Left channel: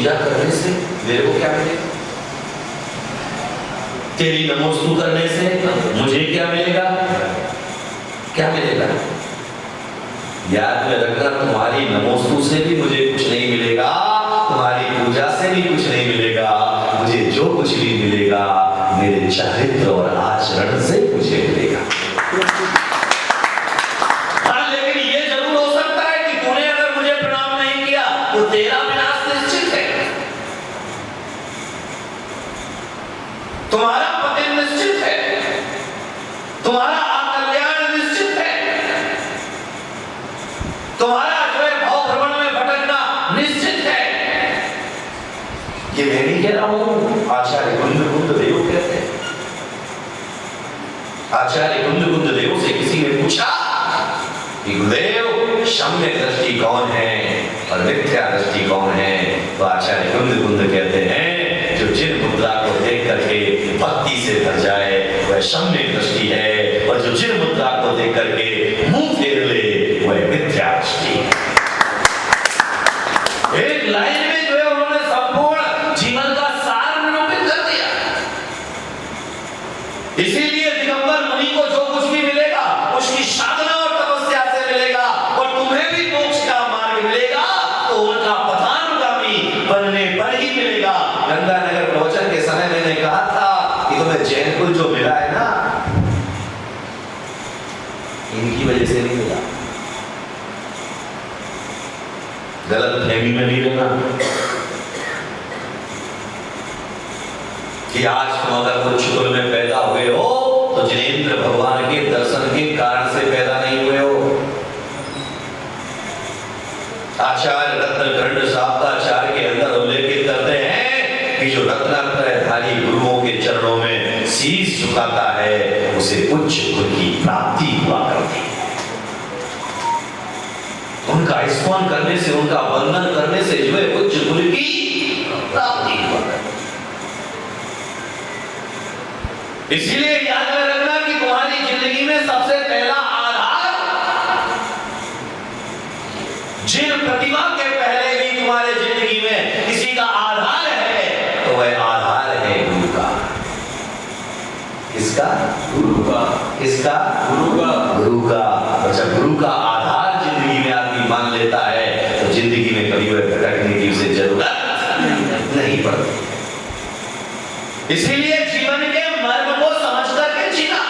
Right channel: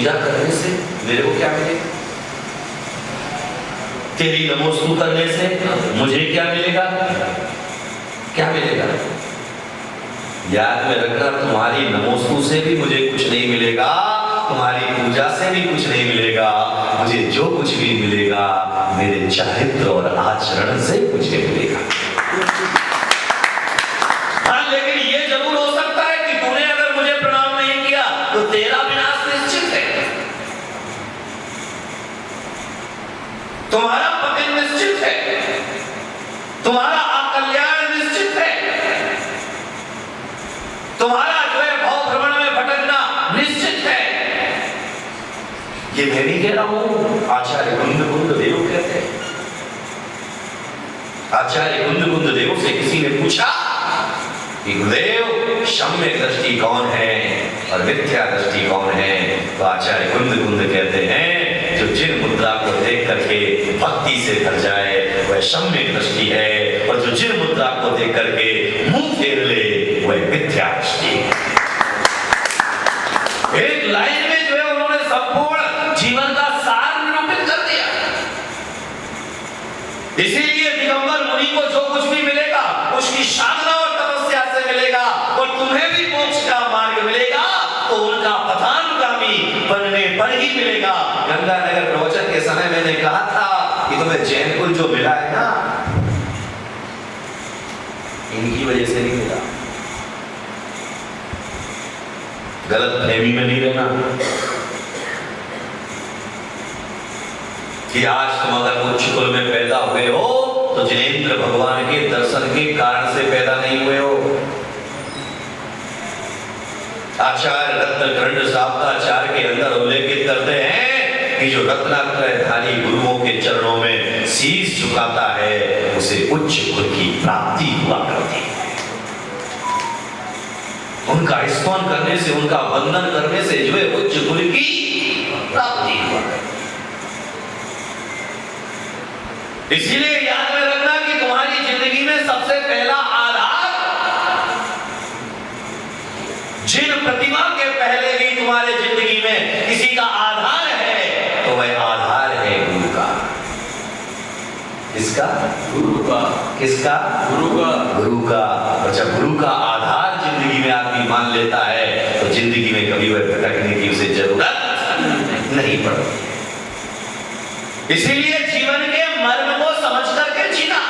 पूजा करने से मेरे को क्या मिलेगा? तेरी नमोस्तु करने से मुझे क्या मिलेगा? क्या मिलेगा? याद में रखना, तुम्हारी नमोस्तु से भी मुझे कुछ नहीं मिलेगा, तुम्हारी पूजा से भी कुछ नहीं मिलेगा। मुझे जो कुछ भी मिलेगा मेरे चरित्र और आचरण से मुझे मिलेगा। हाँ, लेकिन ये जरूर हो सकता है कि तूने अगर मुझे प्रणाम नहीं किया तो तेरा विनाश निश्चित है, तुम्हारा पतन निश्चित है, तुम्हारा अकल्याण निश्चित है, तुम्हारा जो है भाव भ्रमण में भटकना निश्चित है। ये मैं नहीं कह रहा हूं, आचार्य कुंद देव कहते हैं। आचार्य कुंद देव से किसी ने पूछा कि गुरुदेव, सम्यक दृष्टि कौन है और मिथ्या दृष्टि कौन है? तो आचार्य कुंद कहते हैं, जो जिन मुद्रा को देख करके भक्ति से भर जाए वह सम्यक दृष्टि है, और जो जिन मुद्रा को देख करके मुंह फेर ले वह मिथ्या दृष्टि है। एक लाइन में जो है उन्होंने संपूर्ण जीवन का सार निरूपित कर दिया। इसीलिए दिगंबर मुनि को जो कुछ भी मिलेगा उसकी साधना और तपस्या से मिलेगा, और तुम्हें भी मोक्ष का मार्ग मिलेगा तो उनका पथानुगामी बनने पर ही मिलेगा। गंगानगर प्रवचन के समय मैंने कहा था कि तुम्हें जैन कुल जो मिला है ना, इनकी वजह से नहीं मिला। गलत फहमी में नहीं रहना कि आज तुम अगर कुछ कुल में पैदा हुए हो तो जिनेंद्र भगवान के दर्शन के कारण से पैदा नहीं हुए हो। आचार्य रत्नकर्ण शाब्दाचार्य के अंदर उल्लेखित करते हैं कि जो रत्नात्रयधारी गुरुओं के चरणों में शीश झुकाता है उसे उच्च गुरु की प्राप्ति हुआ करती है। उनका स्मरण करने से, उनका वंदन करने से जो है उच्च गुरु की प्राप्ति हुआ। इसीलिए याद में रखना कि तुम्हारी जिंदगी में सबसे पहला आधार, जिन प्रतिमा के पहले भी तुम्हारे जिंदगी में किसी का आधार है तो वह आधार है गुरु का। किसका? गुरु का। किसका? गुरु का। गुरु का। और जब गुरु का आधार जिंदगी में आदमी मान लेता है तो जिंदगी में कभी वह भटकने की उसे जरूरत नहीं पड़ती। इसीलिए जीवन के मर्म को समझ करके जीना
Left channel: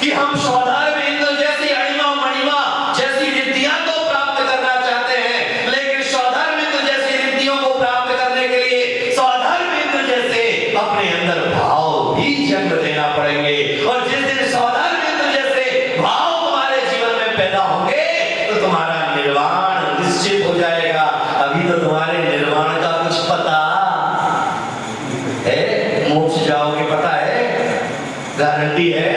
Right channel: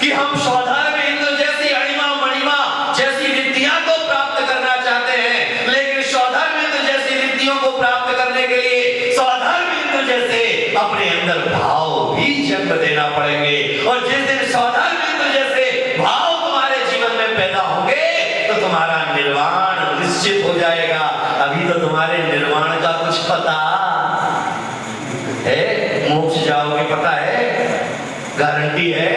कि हम स्वधर्म इंद्र जैसी अणिमा मणिमा जैसी रिद्धियां तो प्राप्त करना चाहते हैं, लेकिन स्वधर्म इंद्र जैसी रिद्धियों को प्राप्त करने के लिए स्वधर्म इंद्र जैसे अपने अंदर भाव भी जन्म देना पड़ेंगे। और जिस दिन स्वधर्म इंद्र जैसे भाव तुम्हारे जीवन में पैदा होंगे तो तुम्हारा निर्वाण निश्चित हो जाएगा। अभी तो तुम्हारे निर्वाण का कुछ पता है? मोक्ष जाओगे पता है? गारंटी है?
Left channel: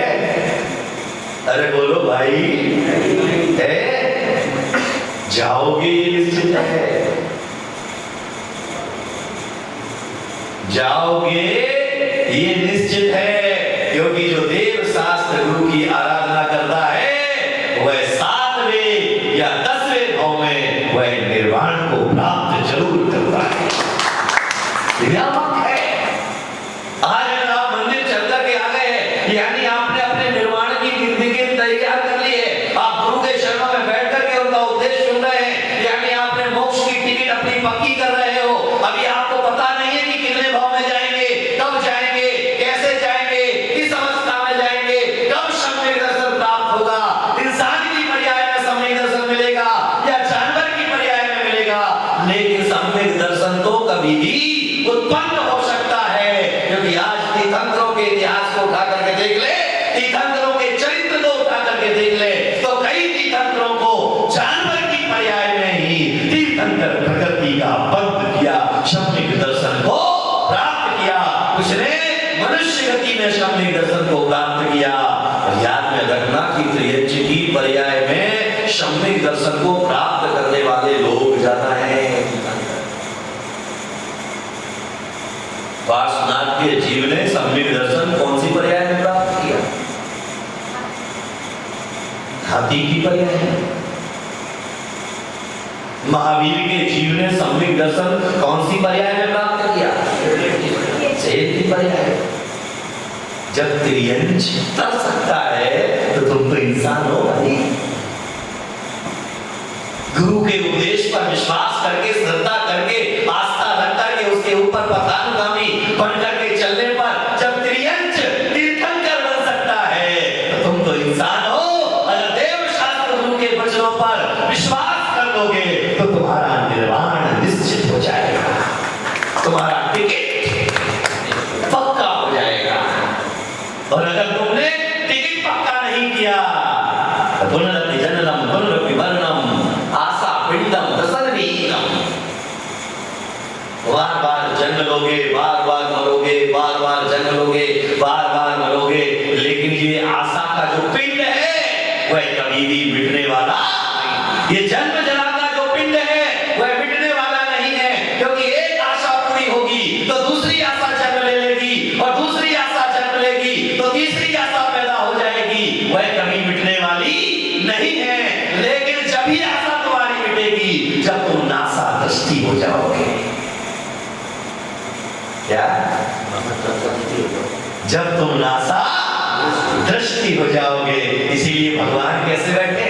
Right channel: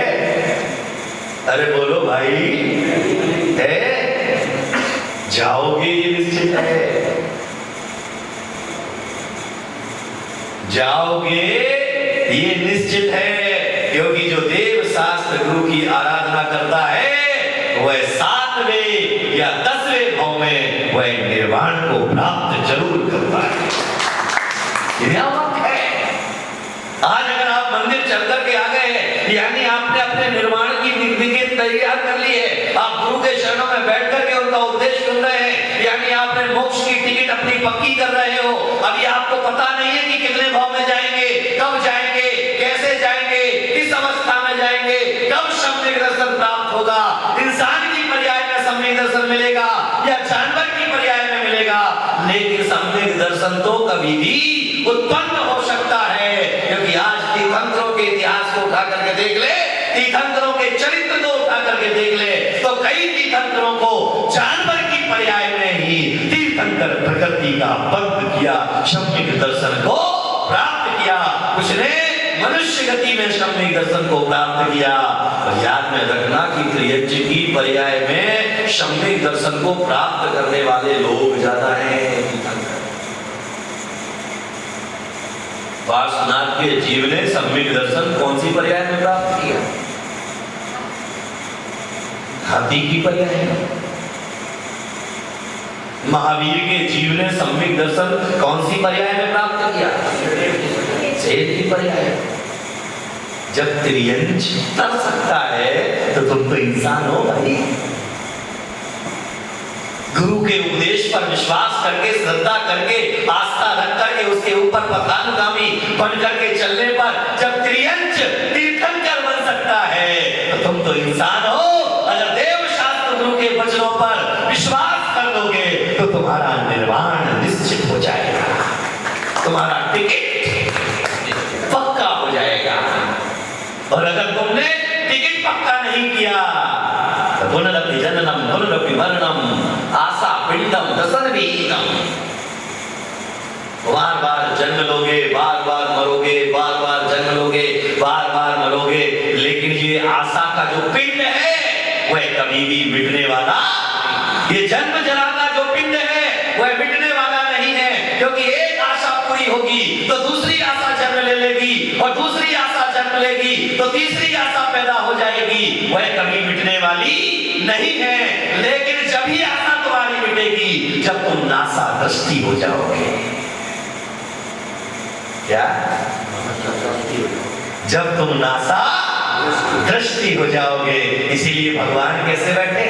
अरे बोलो भाई, है? जाओगे ये निश्चित है, जाओगे ये निश्चित है, क्योंकि जो देव शास्त्र गुरु की आराधना करता है वह 7वें या 10वें भाव में वह निर्वाण को प्राप्त जरूर करता है। आज अगर आप मंदिर चल कर के आ गए हैं, यानी आपने अपने निर्वाण की जिंदगी तैयार कर ली है, आप गुरु के चरणों में बैठ करके उनका उपदेश सुन रहे हैं, यानी आपने मोक्ष की टिकट अपनी पक्की कर रहे हो। अभी आपको पता नहीं है कि कितने भाव में जाएंगे, कब जाएंगे, कैसे जाएंगे, किस अवस्था में जाएंगे, कब सम्यक दर्शन प्राप्त होगा, इंसान की पर्याय में सम्यक दर्शन मिलेगा या जानवर की पर्याय में मिलेगा। लेकिन सम्यक दर्शन तो कभी भी उत्पन्न हो सकता है, क्योंकि आज तीर्थंकरों के इतिहास को उठा करके देख ले, तीर्थंकरों के चरित्र को उठा करके देख ले, तो कई तीर्थंकरों को जानवर की पर्याय में ही तीर्थंकर प्रकृति का बंध किया, सम्यक दर्शन को प्राप्त किया। कुछ ने मनुष्य गति में सम्यक दर्शन को प्राप्त किया। और याद में रखना कि त्रियज्ञ की पर्याय में सम्यक दर्शन को प्राप्त करने वाले लोग ज्यादा हैं। पार्श्वनाथ के जीव ने सम्यक दर्शन कौन सी पर्याय में प्राप्त किया? हाथी की पर्याय। महावीर के जीव ने सम्यक दर्शन कौन सी पर्याय में प्राप्त किया? सेठ की पर्याय। जब त्रियंच तर सकता है तो तुम तो इंसान हो भाई। गुरु के उपदेश पर विश्वास करके, श्रद्धा करके, आस्था रख करके उसके ऊपर पथानुगामी बन करके चलने पर जब त्रियंच तीर्थंकर बन सकता है तो तुम तो इंसान हो। अगर देव शास्त्र गुरु के वचनों पर विश्वास कर लोगे तो तुम्हारा निर्वाण निश्चित हो जाएगा, तुम्हारा टिकट पक्का हो जाएगा। और अगर तुमने टिकट पक्का नहीं किया तो पुनरपि जननम पुनरपि मरणम आशा पिंडम दशनविहीनम, बार बार जन्म लोगे, बार बार मरोगे, बार बार जन्म लोगे, बार बार मरोगे, लेकिन ये आशा का जो पिंड है वह कभी भी मिटने वाला, ये जन्म जरा का जो पिंड है वह मिटने वाला नहीं है। क्योंकि एक आशा पूरी होगी तो दूसरी आशा जन्म ले लेगी, और दूसरी आशा जन्म लेगी तो तीसरी आशा पैदा हो जाएगी, वह कभी मिटने वाली नहीं है। लेकिन जब ही आशा तुम्हारी मिटेगी जब तुम नासा दृष्टि हो जाओगे। क्या? जब तुम नासा दृष्टि हो जाओगे। इसीलिए भगवान कैसे बैठे?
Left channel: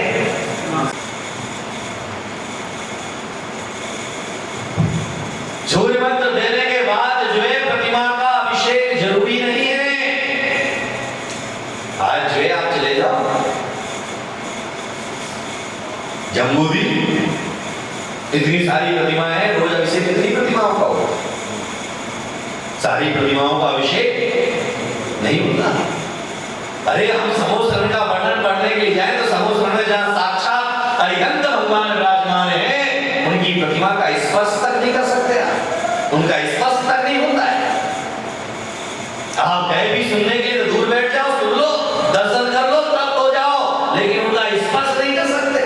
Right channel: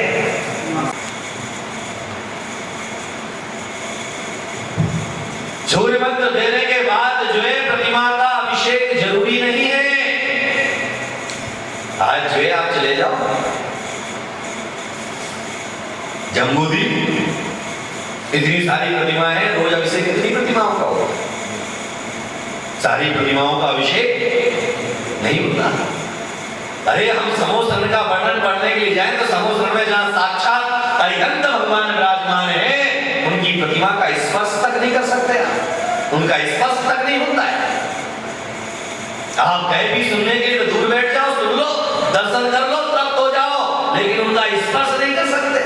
सूर्य मंत्र देने के बाद जो है प्रतिमा का अभिषेक जरूरी नहीं है। आज जो है आप चले जाओ जम्बूद्वीप, इतनी सारी प्रतिमाएं हैं, रोज अभिषेक कितनी प्रतिमाओं का होगा? सारी प्रतिमाओं का अभिषेक नहीं होता। अरे हम समोसन का वर्णन करने के लिए जाए तो समोसन में जहां साक्षात अरिहंत भगवान विराजमान है उनकी प्रतिमा का स्पर्श तक नहीं कर सकते, उनका स्पर्श तक नहीं होता है। आप कहीं भी सुनने के लिए तो दूर बैठ जाओ, सुन लो, दर्शन कर लो, प्राप्त हो जाओ, लेकिन उनका स्पर्श नहीं कर सकते।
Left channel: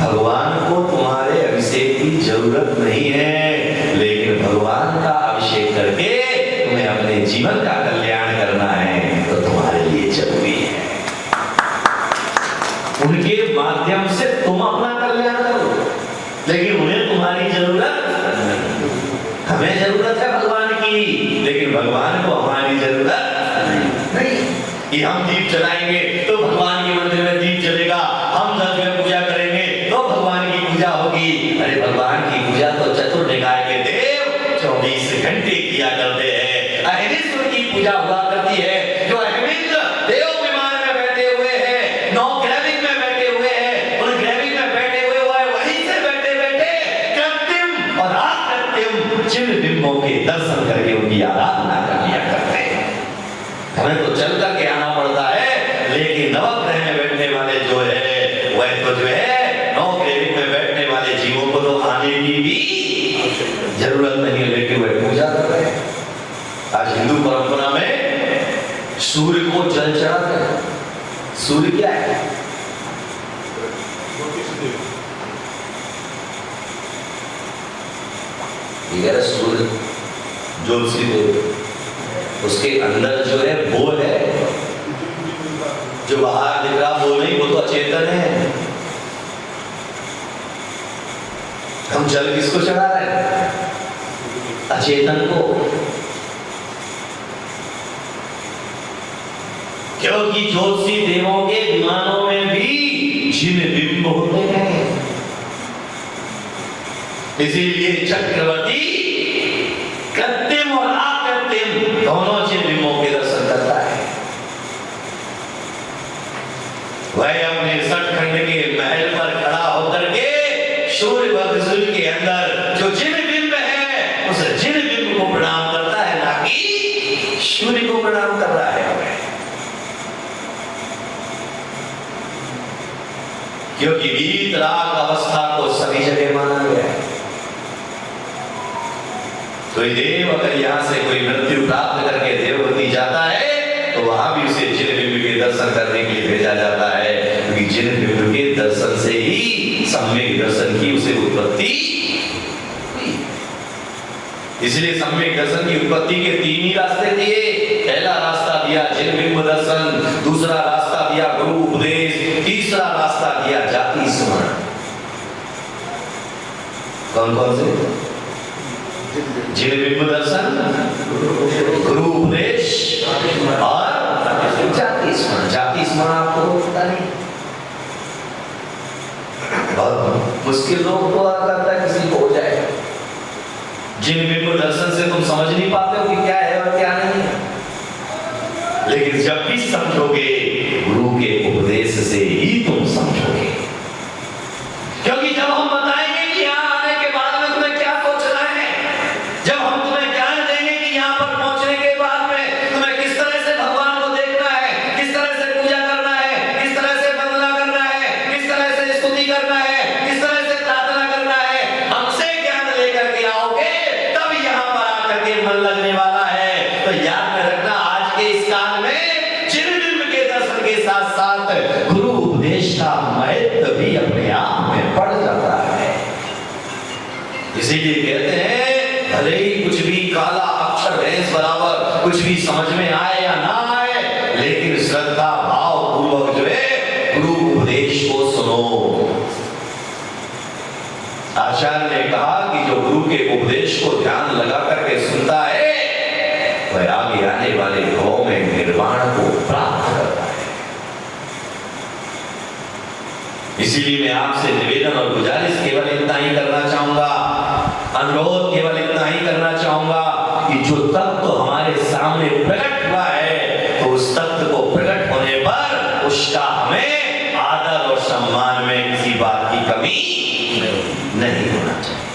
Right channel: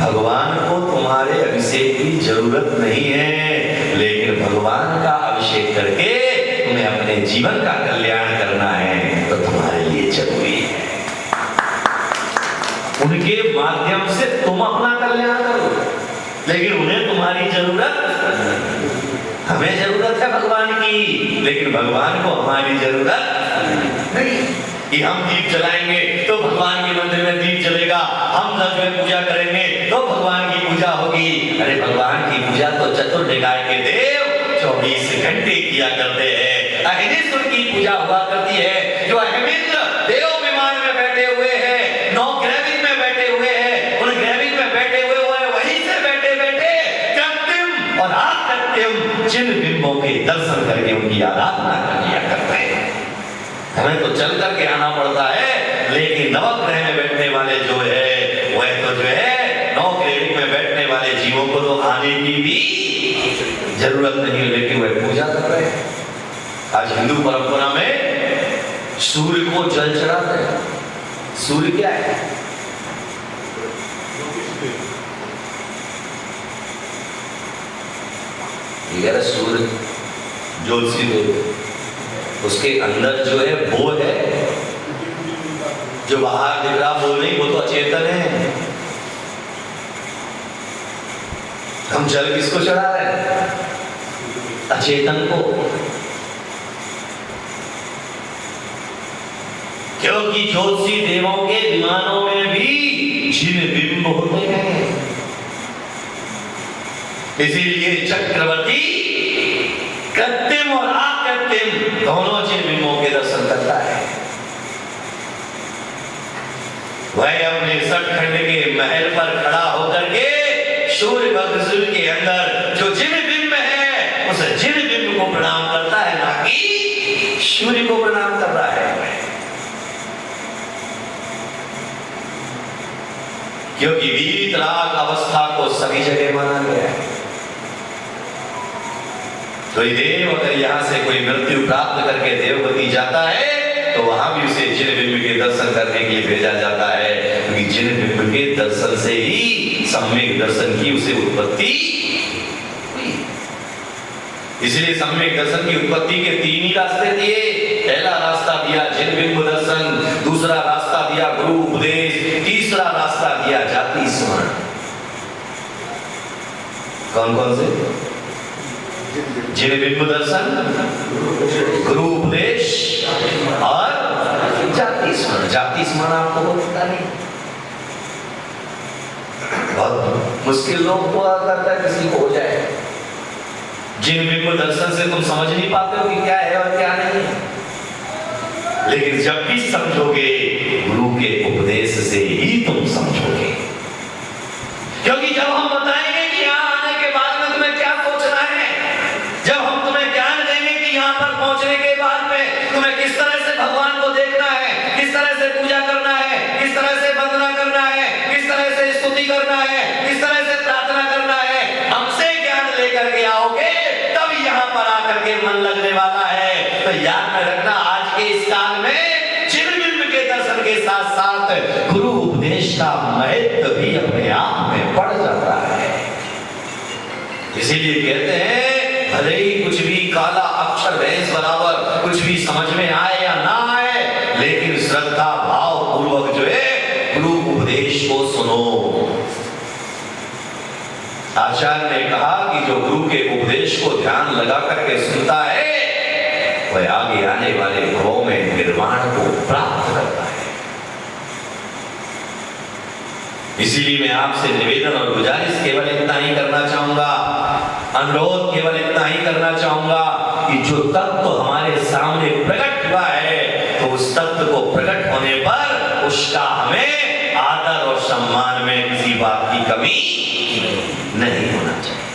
भगवान को तुम्हारे अभिषेक की जरूरत नहीं है, लेकिन भगवान का अभिषेक करके तुम्हें अपने जीवन का कल्याण करना है तो तुम्हारे लिए जरूरी है। उनके माध्यम से तुम अपना कल्याण करो, लेकिन उन्हें तुम्हारी जरूरत, हमें जरूरत है भगवान की, लेकिन भगवान को हमारी जरूरत नहीं। कि हम दीप जलाएंगे तो भगवान के मंदिर में दीप जलेगा, हम जब में पूजा करेंगे तो भगवान की पूजा होगी। अरे भगवान की पूजा तो चतुर्निकाय के देव 24 घंटे किया करते हैं। अहिनिस्व की पूजा हुआ करती है, जो अहिमिंद्र देव विमान में बैठे हुए हैं, 9 ग्रैविंग में बैठे हुए हैं, उन ग्रैविंग में बैठे हुए वहीं से बैठे बैठे कृत्रिम और अकृत्रिम जिन बिंबों के दर्शन करके उनकी आराधना कर लिया करते हैं। हमें तो चल करके आना पड़ता है, लेकिन नवग्रह में बैठने वाले जो है वह तो जो है 9 ग्रैविंग में बैठने वाले जीवों को तो आने की भी जरूरत नहीं, लेकिन वह पूजा कर रहे हैं। आज हिंदू परंपरा में सूर्य को जल चढ़ाते हैं। सूर्य क्या है? ये सूर्य ज्योतिषी देव, उसके अंदर जो है वो है, जो बाहर दिख रहा वो नहीं, वो तो अचेतन है। हम जल किसको चढ़ा रहे हैं? अचेतन को। क्योंकि ज्योतिषी देवों के विमानों में भी जिन बिंब होते हैं, इसीलिए चक्रवर्ती कृत्रिम और अकृत्रिम दोनों जिन बिंबों के दर्शन करता है। वह अपने सतखंड के महल पर खड़ा होकर के सूर्य भगवान के अंदर जो जिन बिंब है उस जिन बिंब को प्रणाम करता है, ना कि सूर्य को प्रणाम कर रहा है। क्योंकि वीतराग अवस्था को सभी जगह माना गया है। कोई देव अगर यहाँ से कोई मृत्यु प्राप्त करके देवगति जाता है तो वहां भी उसे जिन बिंब के दर्शन करने के लिए भेजा जाता है, क्योंकि जिन बिंब के दर्शन से ही सम्यक दर्शन की उसे उत्पत्ति हुई। इसलिए सम्यक दर्शन की उत्पत्ति के 3 ही रास्ते दिए। पहला रास्ता दिया जिन बिंब दर्शन, दूसरा रास्ता दिया गुरु उपदेश, तीसरा रास्ता दिया जाति स्मरण। कौन कौन से? जिन बिंब दर्शन, गुरु उपदेश और जाति स्मरण। जाति स्मरण आपको होता नहीं, बहुत मुश्किल लोग को करता है किसी को हो जाए। जिन बिंब दर्शन से तुम समझ नहीं पाते हो कि क्या है और क्या नहीं है, लेकिन जब भी समझोगे गुरु के उपदेश से ही तुम समझोगे। क्योंकि जब हम बताएंगे कि यहाँ आने के बाद में तुम्हें क्या सोचना है, जब हम तुम्हें ज्ञान देंगे कि यहाँ पर पहुंचने के बाद में तुम्हें किस तरह से भगवान को देखना है, किस तरह से पूजा करना है, किस तरह से वंदना करना है, किस तरह से स्तुति करना है, किस तरह से प्रार्थना करना है, हमसे ज्ञान लेकर के आओगे तब यहाँ पर आकर के मन लगने वाला है। तो याद में रखना, आज के इस काल में चिरबिंब के दर्शन के साथ साथ गुरु उपदेश का महत्व भी अपने आप में बढ़ जाता है। इसीलिए कहते हैं भले ही कुछ भी काला अक्षर भैंस बराबर कुछ भी समझ में आए या ना आए, लेकिन श्रद्धा भाव पूर्वक जो है गुरु उपदेश को सुनो। आचार्य ने कहा कि जो गुरु के उपदेश को ध्यान लगा करके सुनता है वह आगे आने वाले भाव में निर्वाण को प्राप्त करता है। इसीलिए मैं आपसे निवेदन और गुजारिश केवल इतना ही करना चाहूंगा, अनुरोध केवल इतना ही करना चाहूंगा कि जो तत्व हमारे सामने प्रकट हुआ है तो उस तत्व को प्रकट होने पर उसका हमें आदर और सम्मान में किसी बात की कमी नहीं होना चाहिए।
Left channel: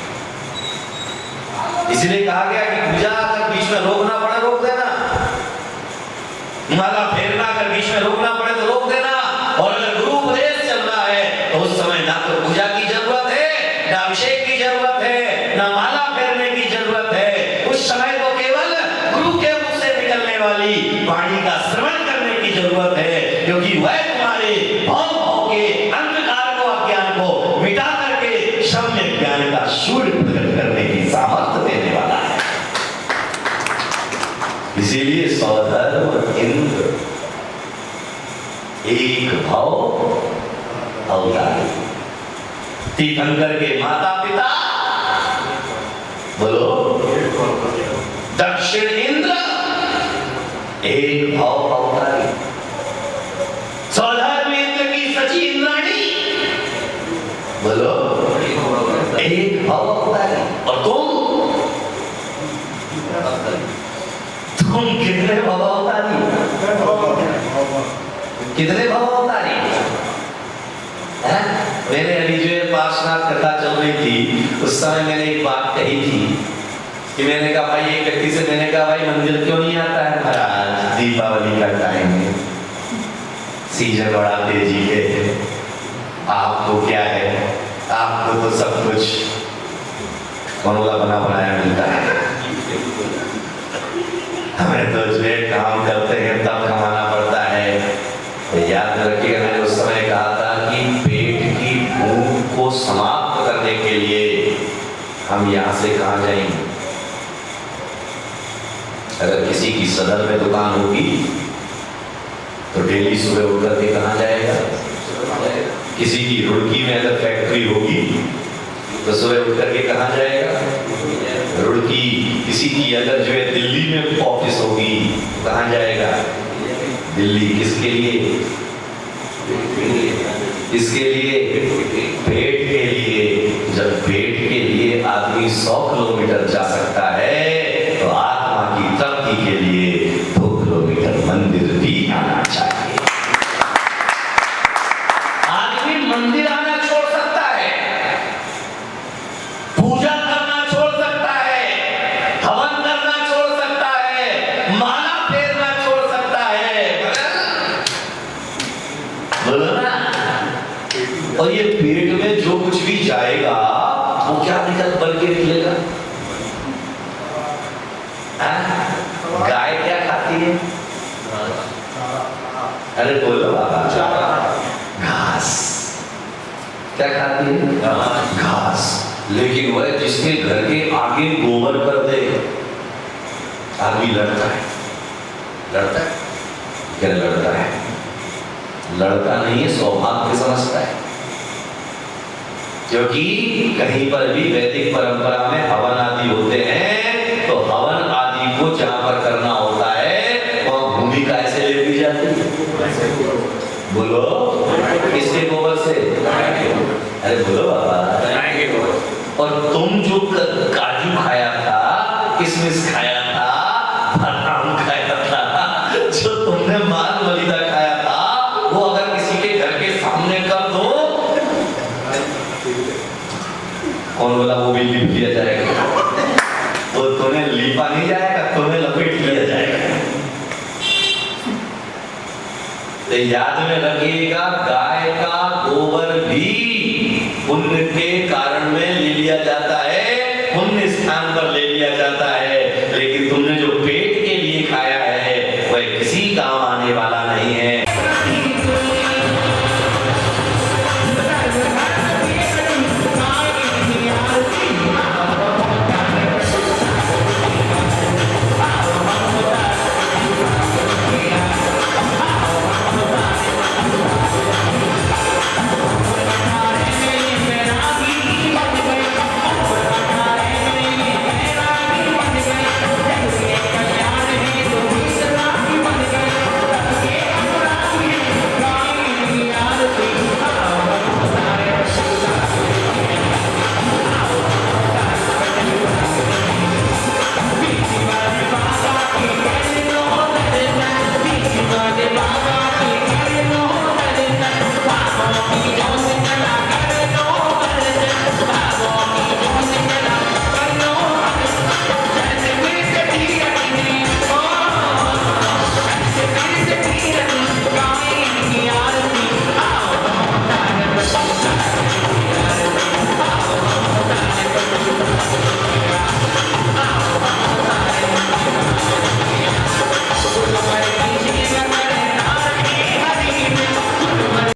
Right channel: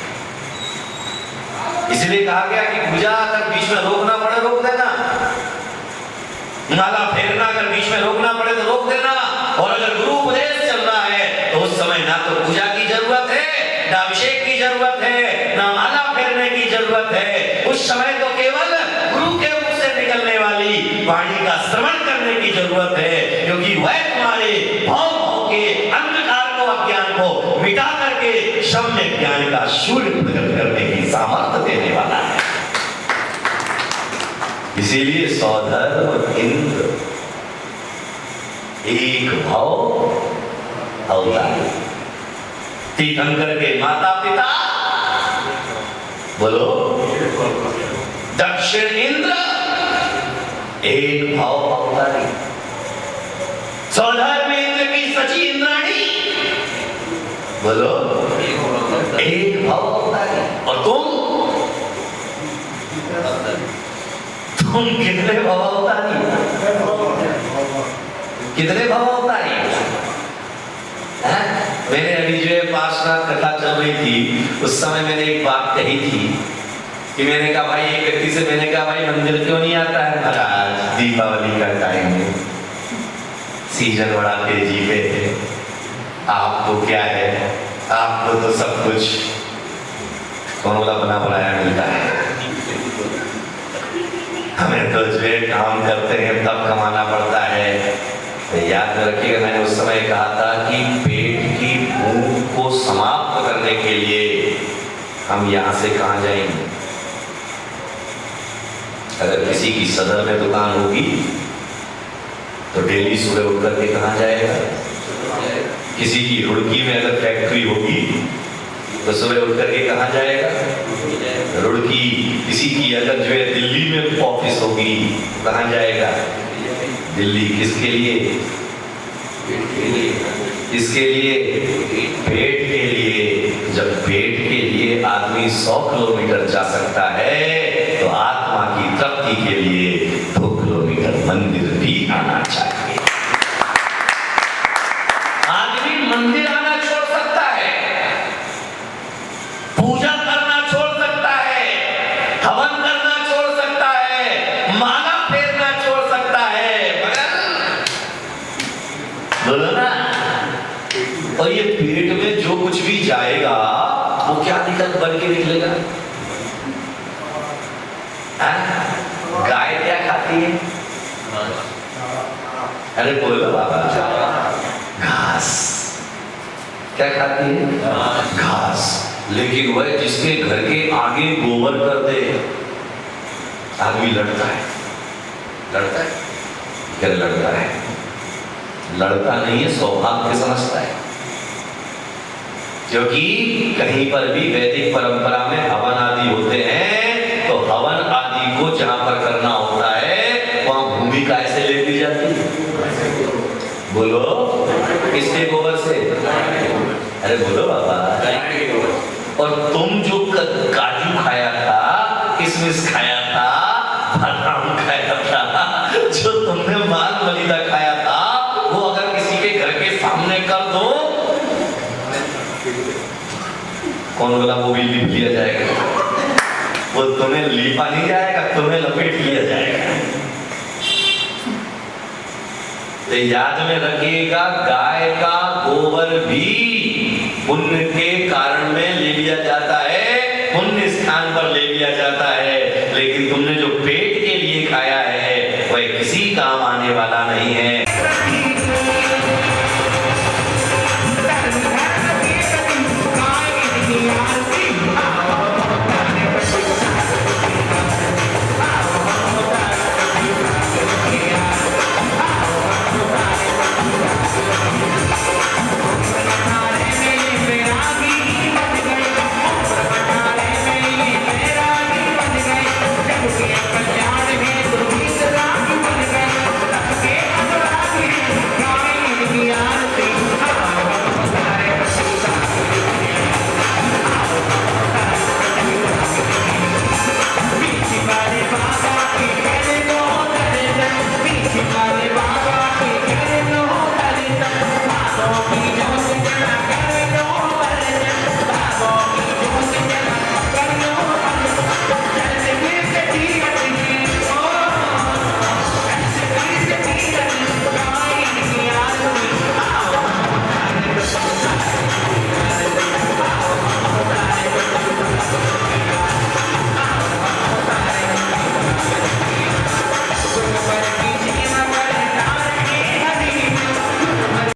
इसलिए कहा गया कि पूजा अगर बीच में रोकना पड़े रोक देना, माला फेरना अगर बीच में रोकना पड़े तो रोक देना, और अगर गुरु उपदेश चल रहा है तो उस समय ना तो पूजा की जरूरत है, ना अभिषेक की जरूरत है, ना माला फेरने की जरूरत है। उस समय तो केवल गुरु के मुख से निकलने वाली वाणी का श्रवण करने की जरूरत है, क्योंकि वह तुम्हारे भाव के अंधकार को, अज्ञान को मिटा करके शब्द ज्ञान का सूर्य प्रकट करने की सामर्थ्य देने वाला है। इसीलिए सौधर्म इंद्र एक भाव अवतारी, तीर्थंकर के माता पिता बोलो दक्षिण इंद्र एक भाव अवतारी, सौधर्म इंद्र की सची इंद्राणी बोलो एक भाव अवतारी। और तुम कितने भाव अवतारी? कितने भाव अवतारी? मेरे अभी जो पार्श्वनाथ कथा चल रही थी उस समय मैंने एक बात कही थी कि मैंने कहा भाई, एक व्यक्ति से मैंने कहा भाई मंदिर क्यों नहीं आता है महाराज दीपावली का टाइम में, सीजन बड़ा तेजी है, आपको क्या है, आपको तो सब कुछ फॉर्मूला बना बनाया मिलता है, हमें तो जो है काम करते हैं तब कमाना पड़ता है। तो याद रखिएगा, मैंने उस समय कहा था कि पेट की भूख को समाप्त करने के लिए हम यहाँ से कहाँ जाएंगे? अगर किसी की सदर में दुकान होगी तो डेली सुबह उठ करके कहाँ जाएगा? किसी की रुड़की में अगर फैक्ट्री होगी तो सुबह उठ करके कहाँ जाएगा? रुड़की। किसी की अगर जो है दिल्ली में ऑफिस होगी कहाँ जाएगा? दिल्ली। किसके लिए? किसके लिए? पेट के लिए। जब पेट के लिए आदमी 100 किलोमीटर जा सकता है तो आत्मा की तृप्ति के लिए 2 किलोमीटर मंदिर भी आना चाहिए। आदमी मंदिर आना छोड़ सकता है, पूजा करना छोड़ सकता है, हवन करना छोड़ सकता है, माला फेरना छोड़ सकता है, मगर बोलो ना, और ये पेट में जो कुछ भी जाएगा वो क्या बन के निकलेगा? गाय क्या खाती है? अरे बोलो बाबा, घास। क्या खाती है? घास। लेकिन वह जिसके घर के आगे गोबर कर दे, आदमी लड़ता है। लड़ता है क्या? लड़ता है। लड़ता नहीं है, सौभाग्य समझता है। क्योंकि कहीं पर भी वैदिक परंपरा में हवन आदि होते हैं, तो हवन आदि को जहां पर करना होता है वहां भूमि कैसे ले ली जाती है? बोलो, किसके गोबर से? अरे बोलो बाबा। और तुम जो काजू खाया था, किशमिश खाया था, बादाम खाया था, जो तुमने माल मलिदा खाया था, वो अगर किसी के घर के सामने कर दो, कौन बोला वो भी लिप लिया जाएगा? वो तुम्हें लिपा नहीं जाएगा, तुम्हें लपेट लिया जाएगा। तो याद में रखिएगा, गाय का गोबर भी पुण्य के कारण में ले लिया जाता है, पुण्य स्थान पर ले लिया जाता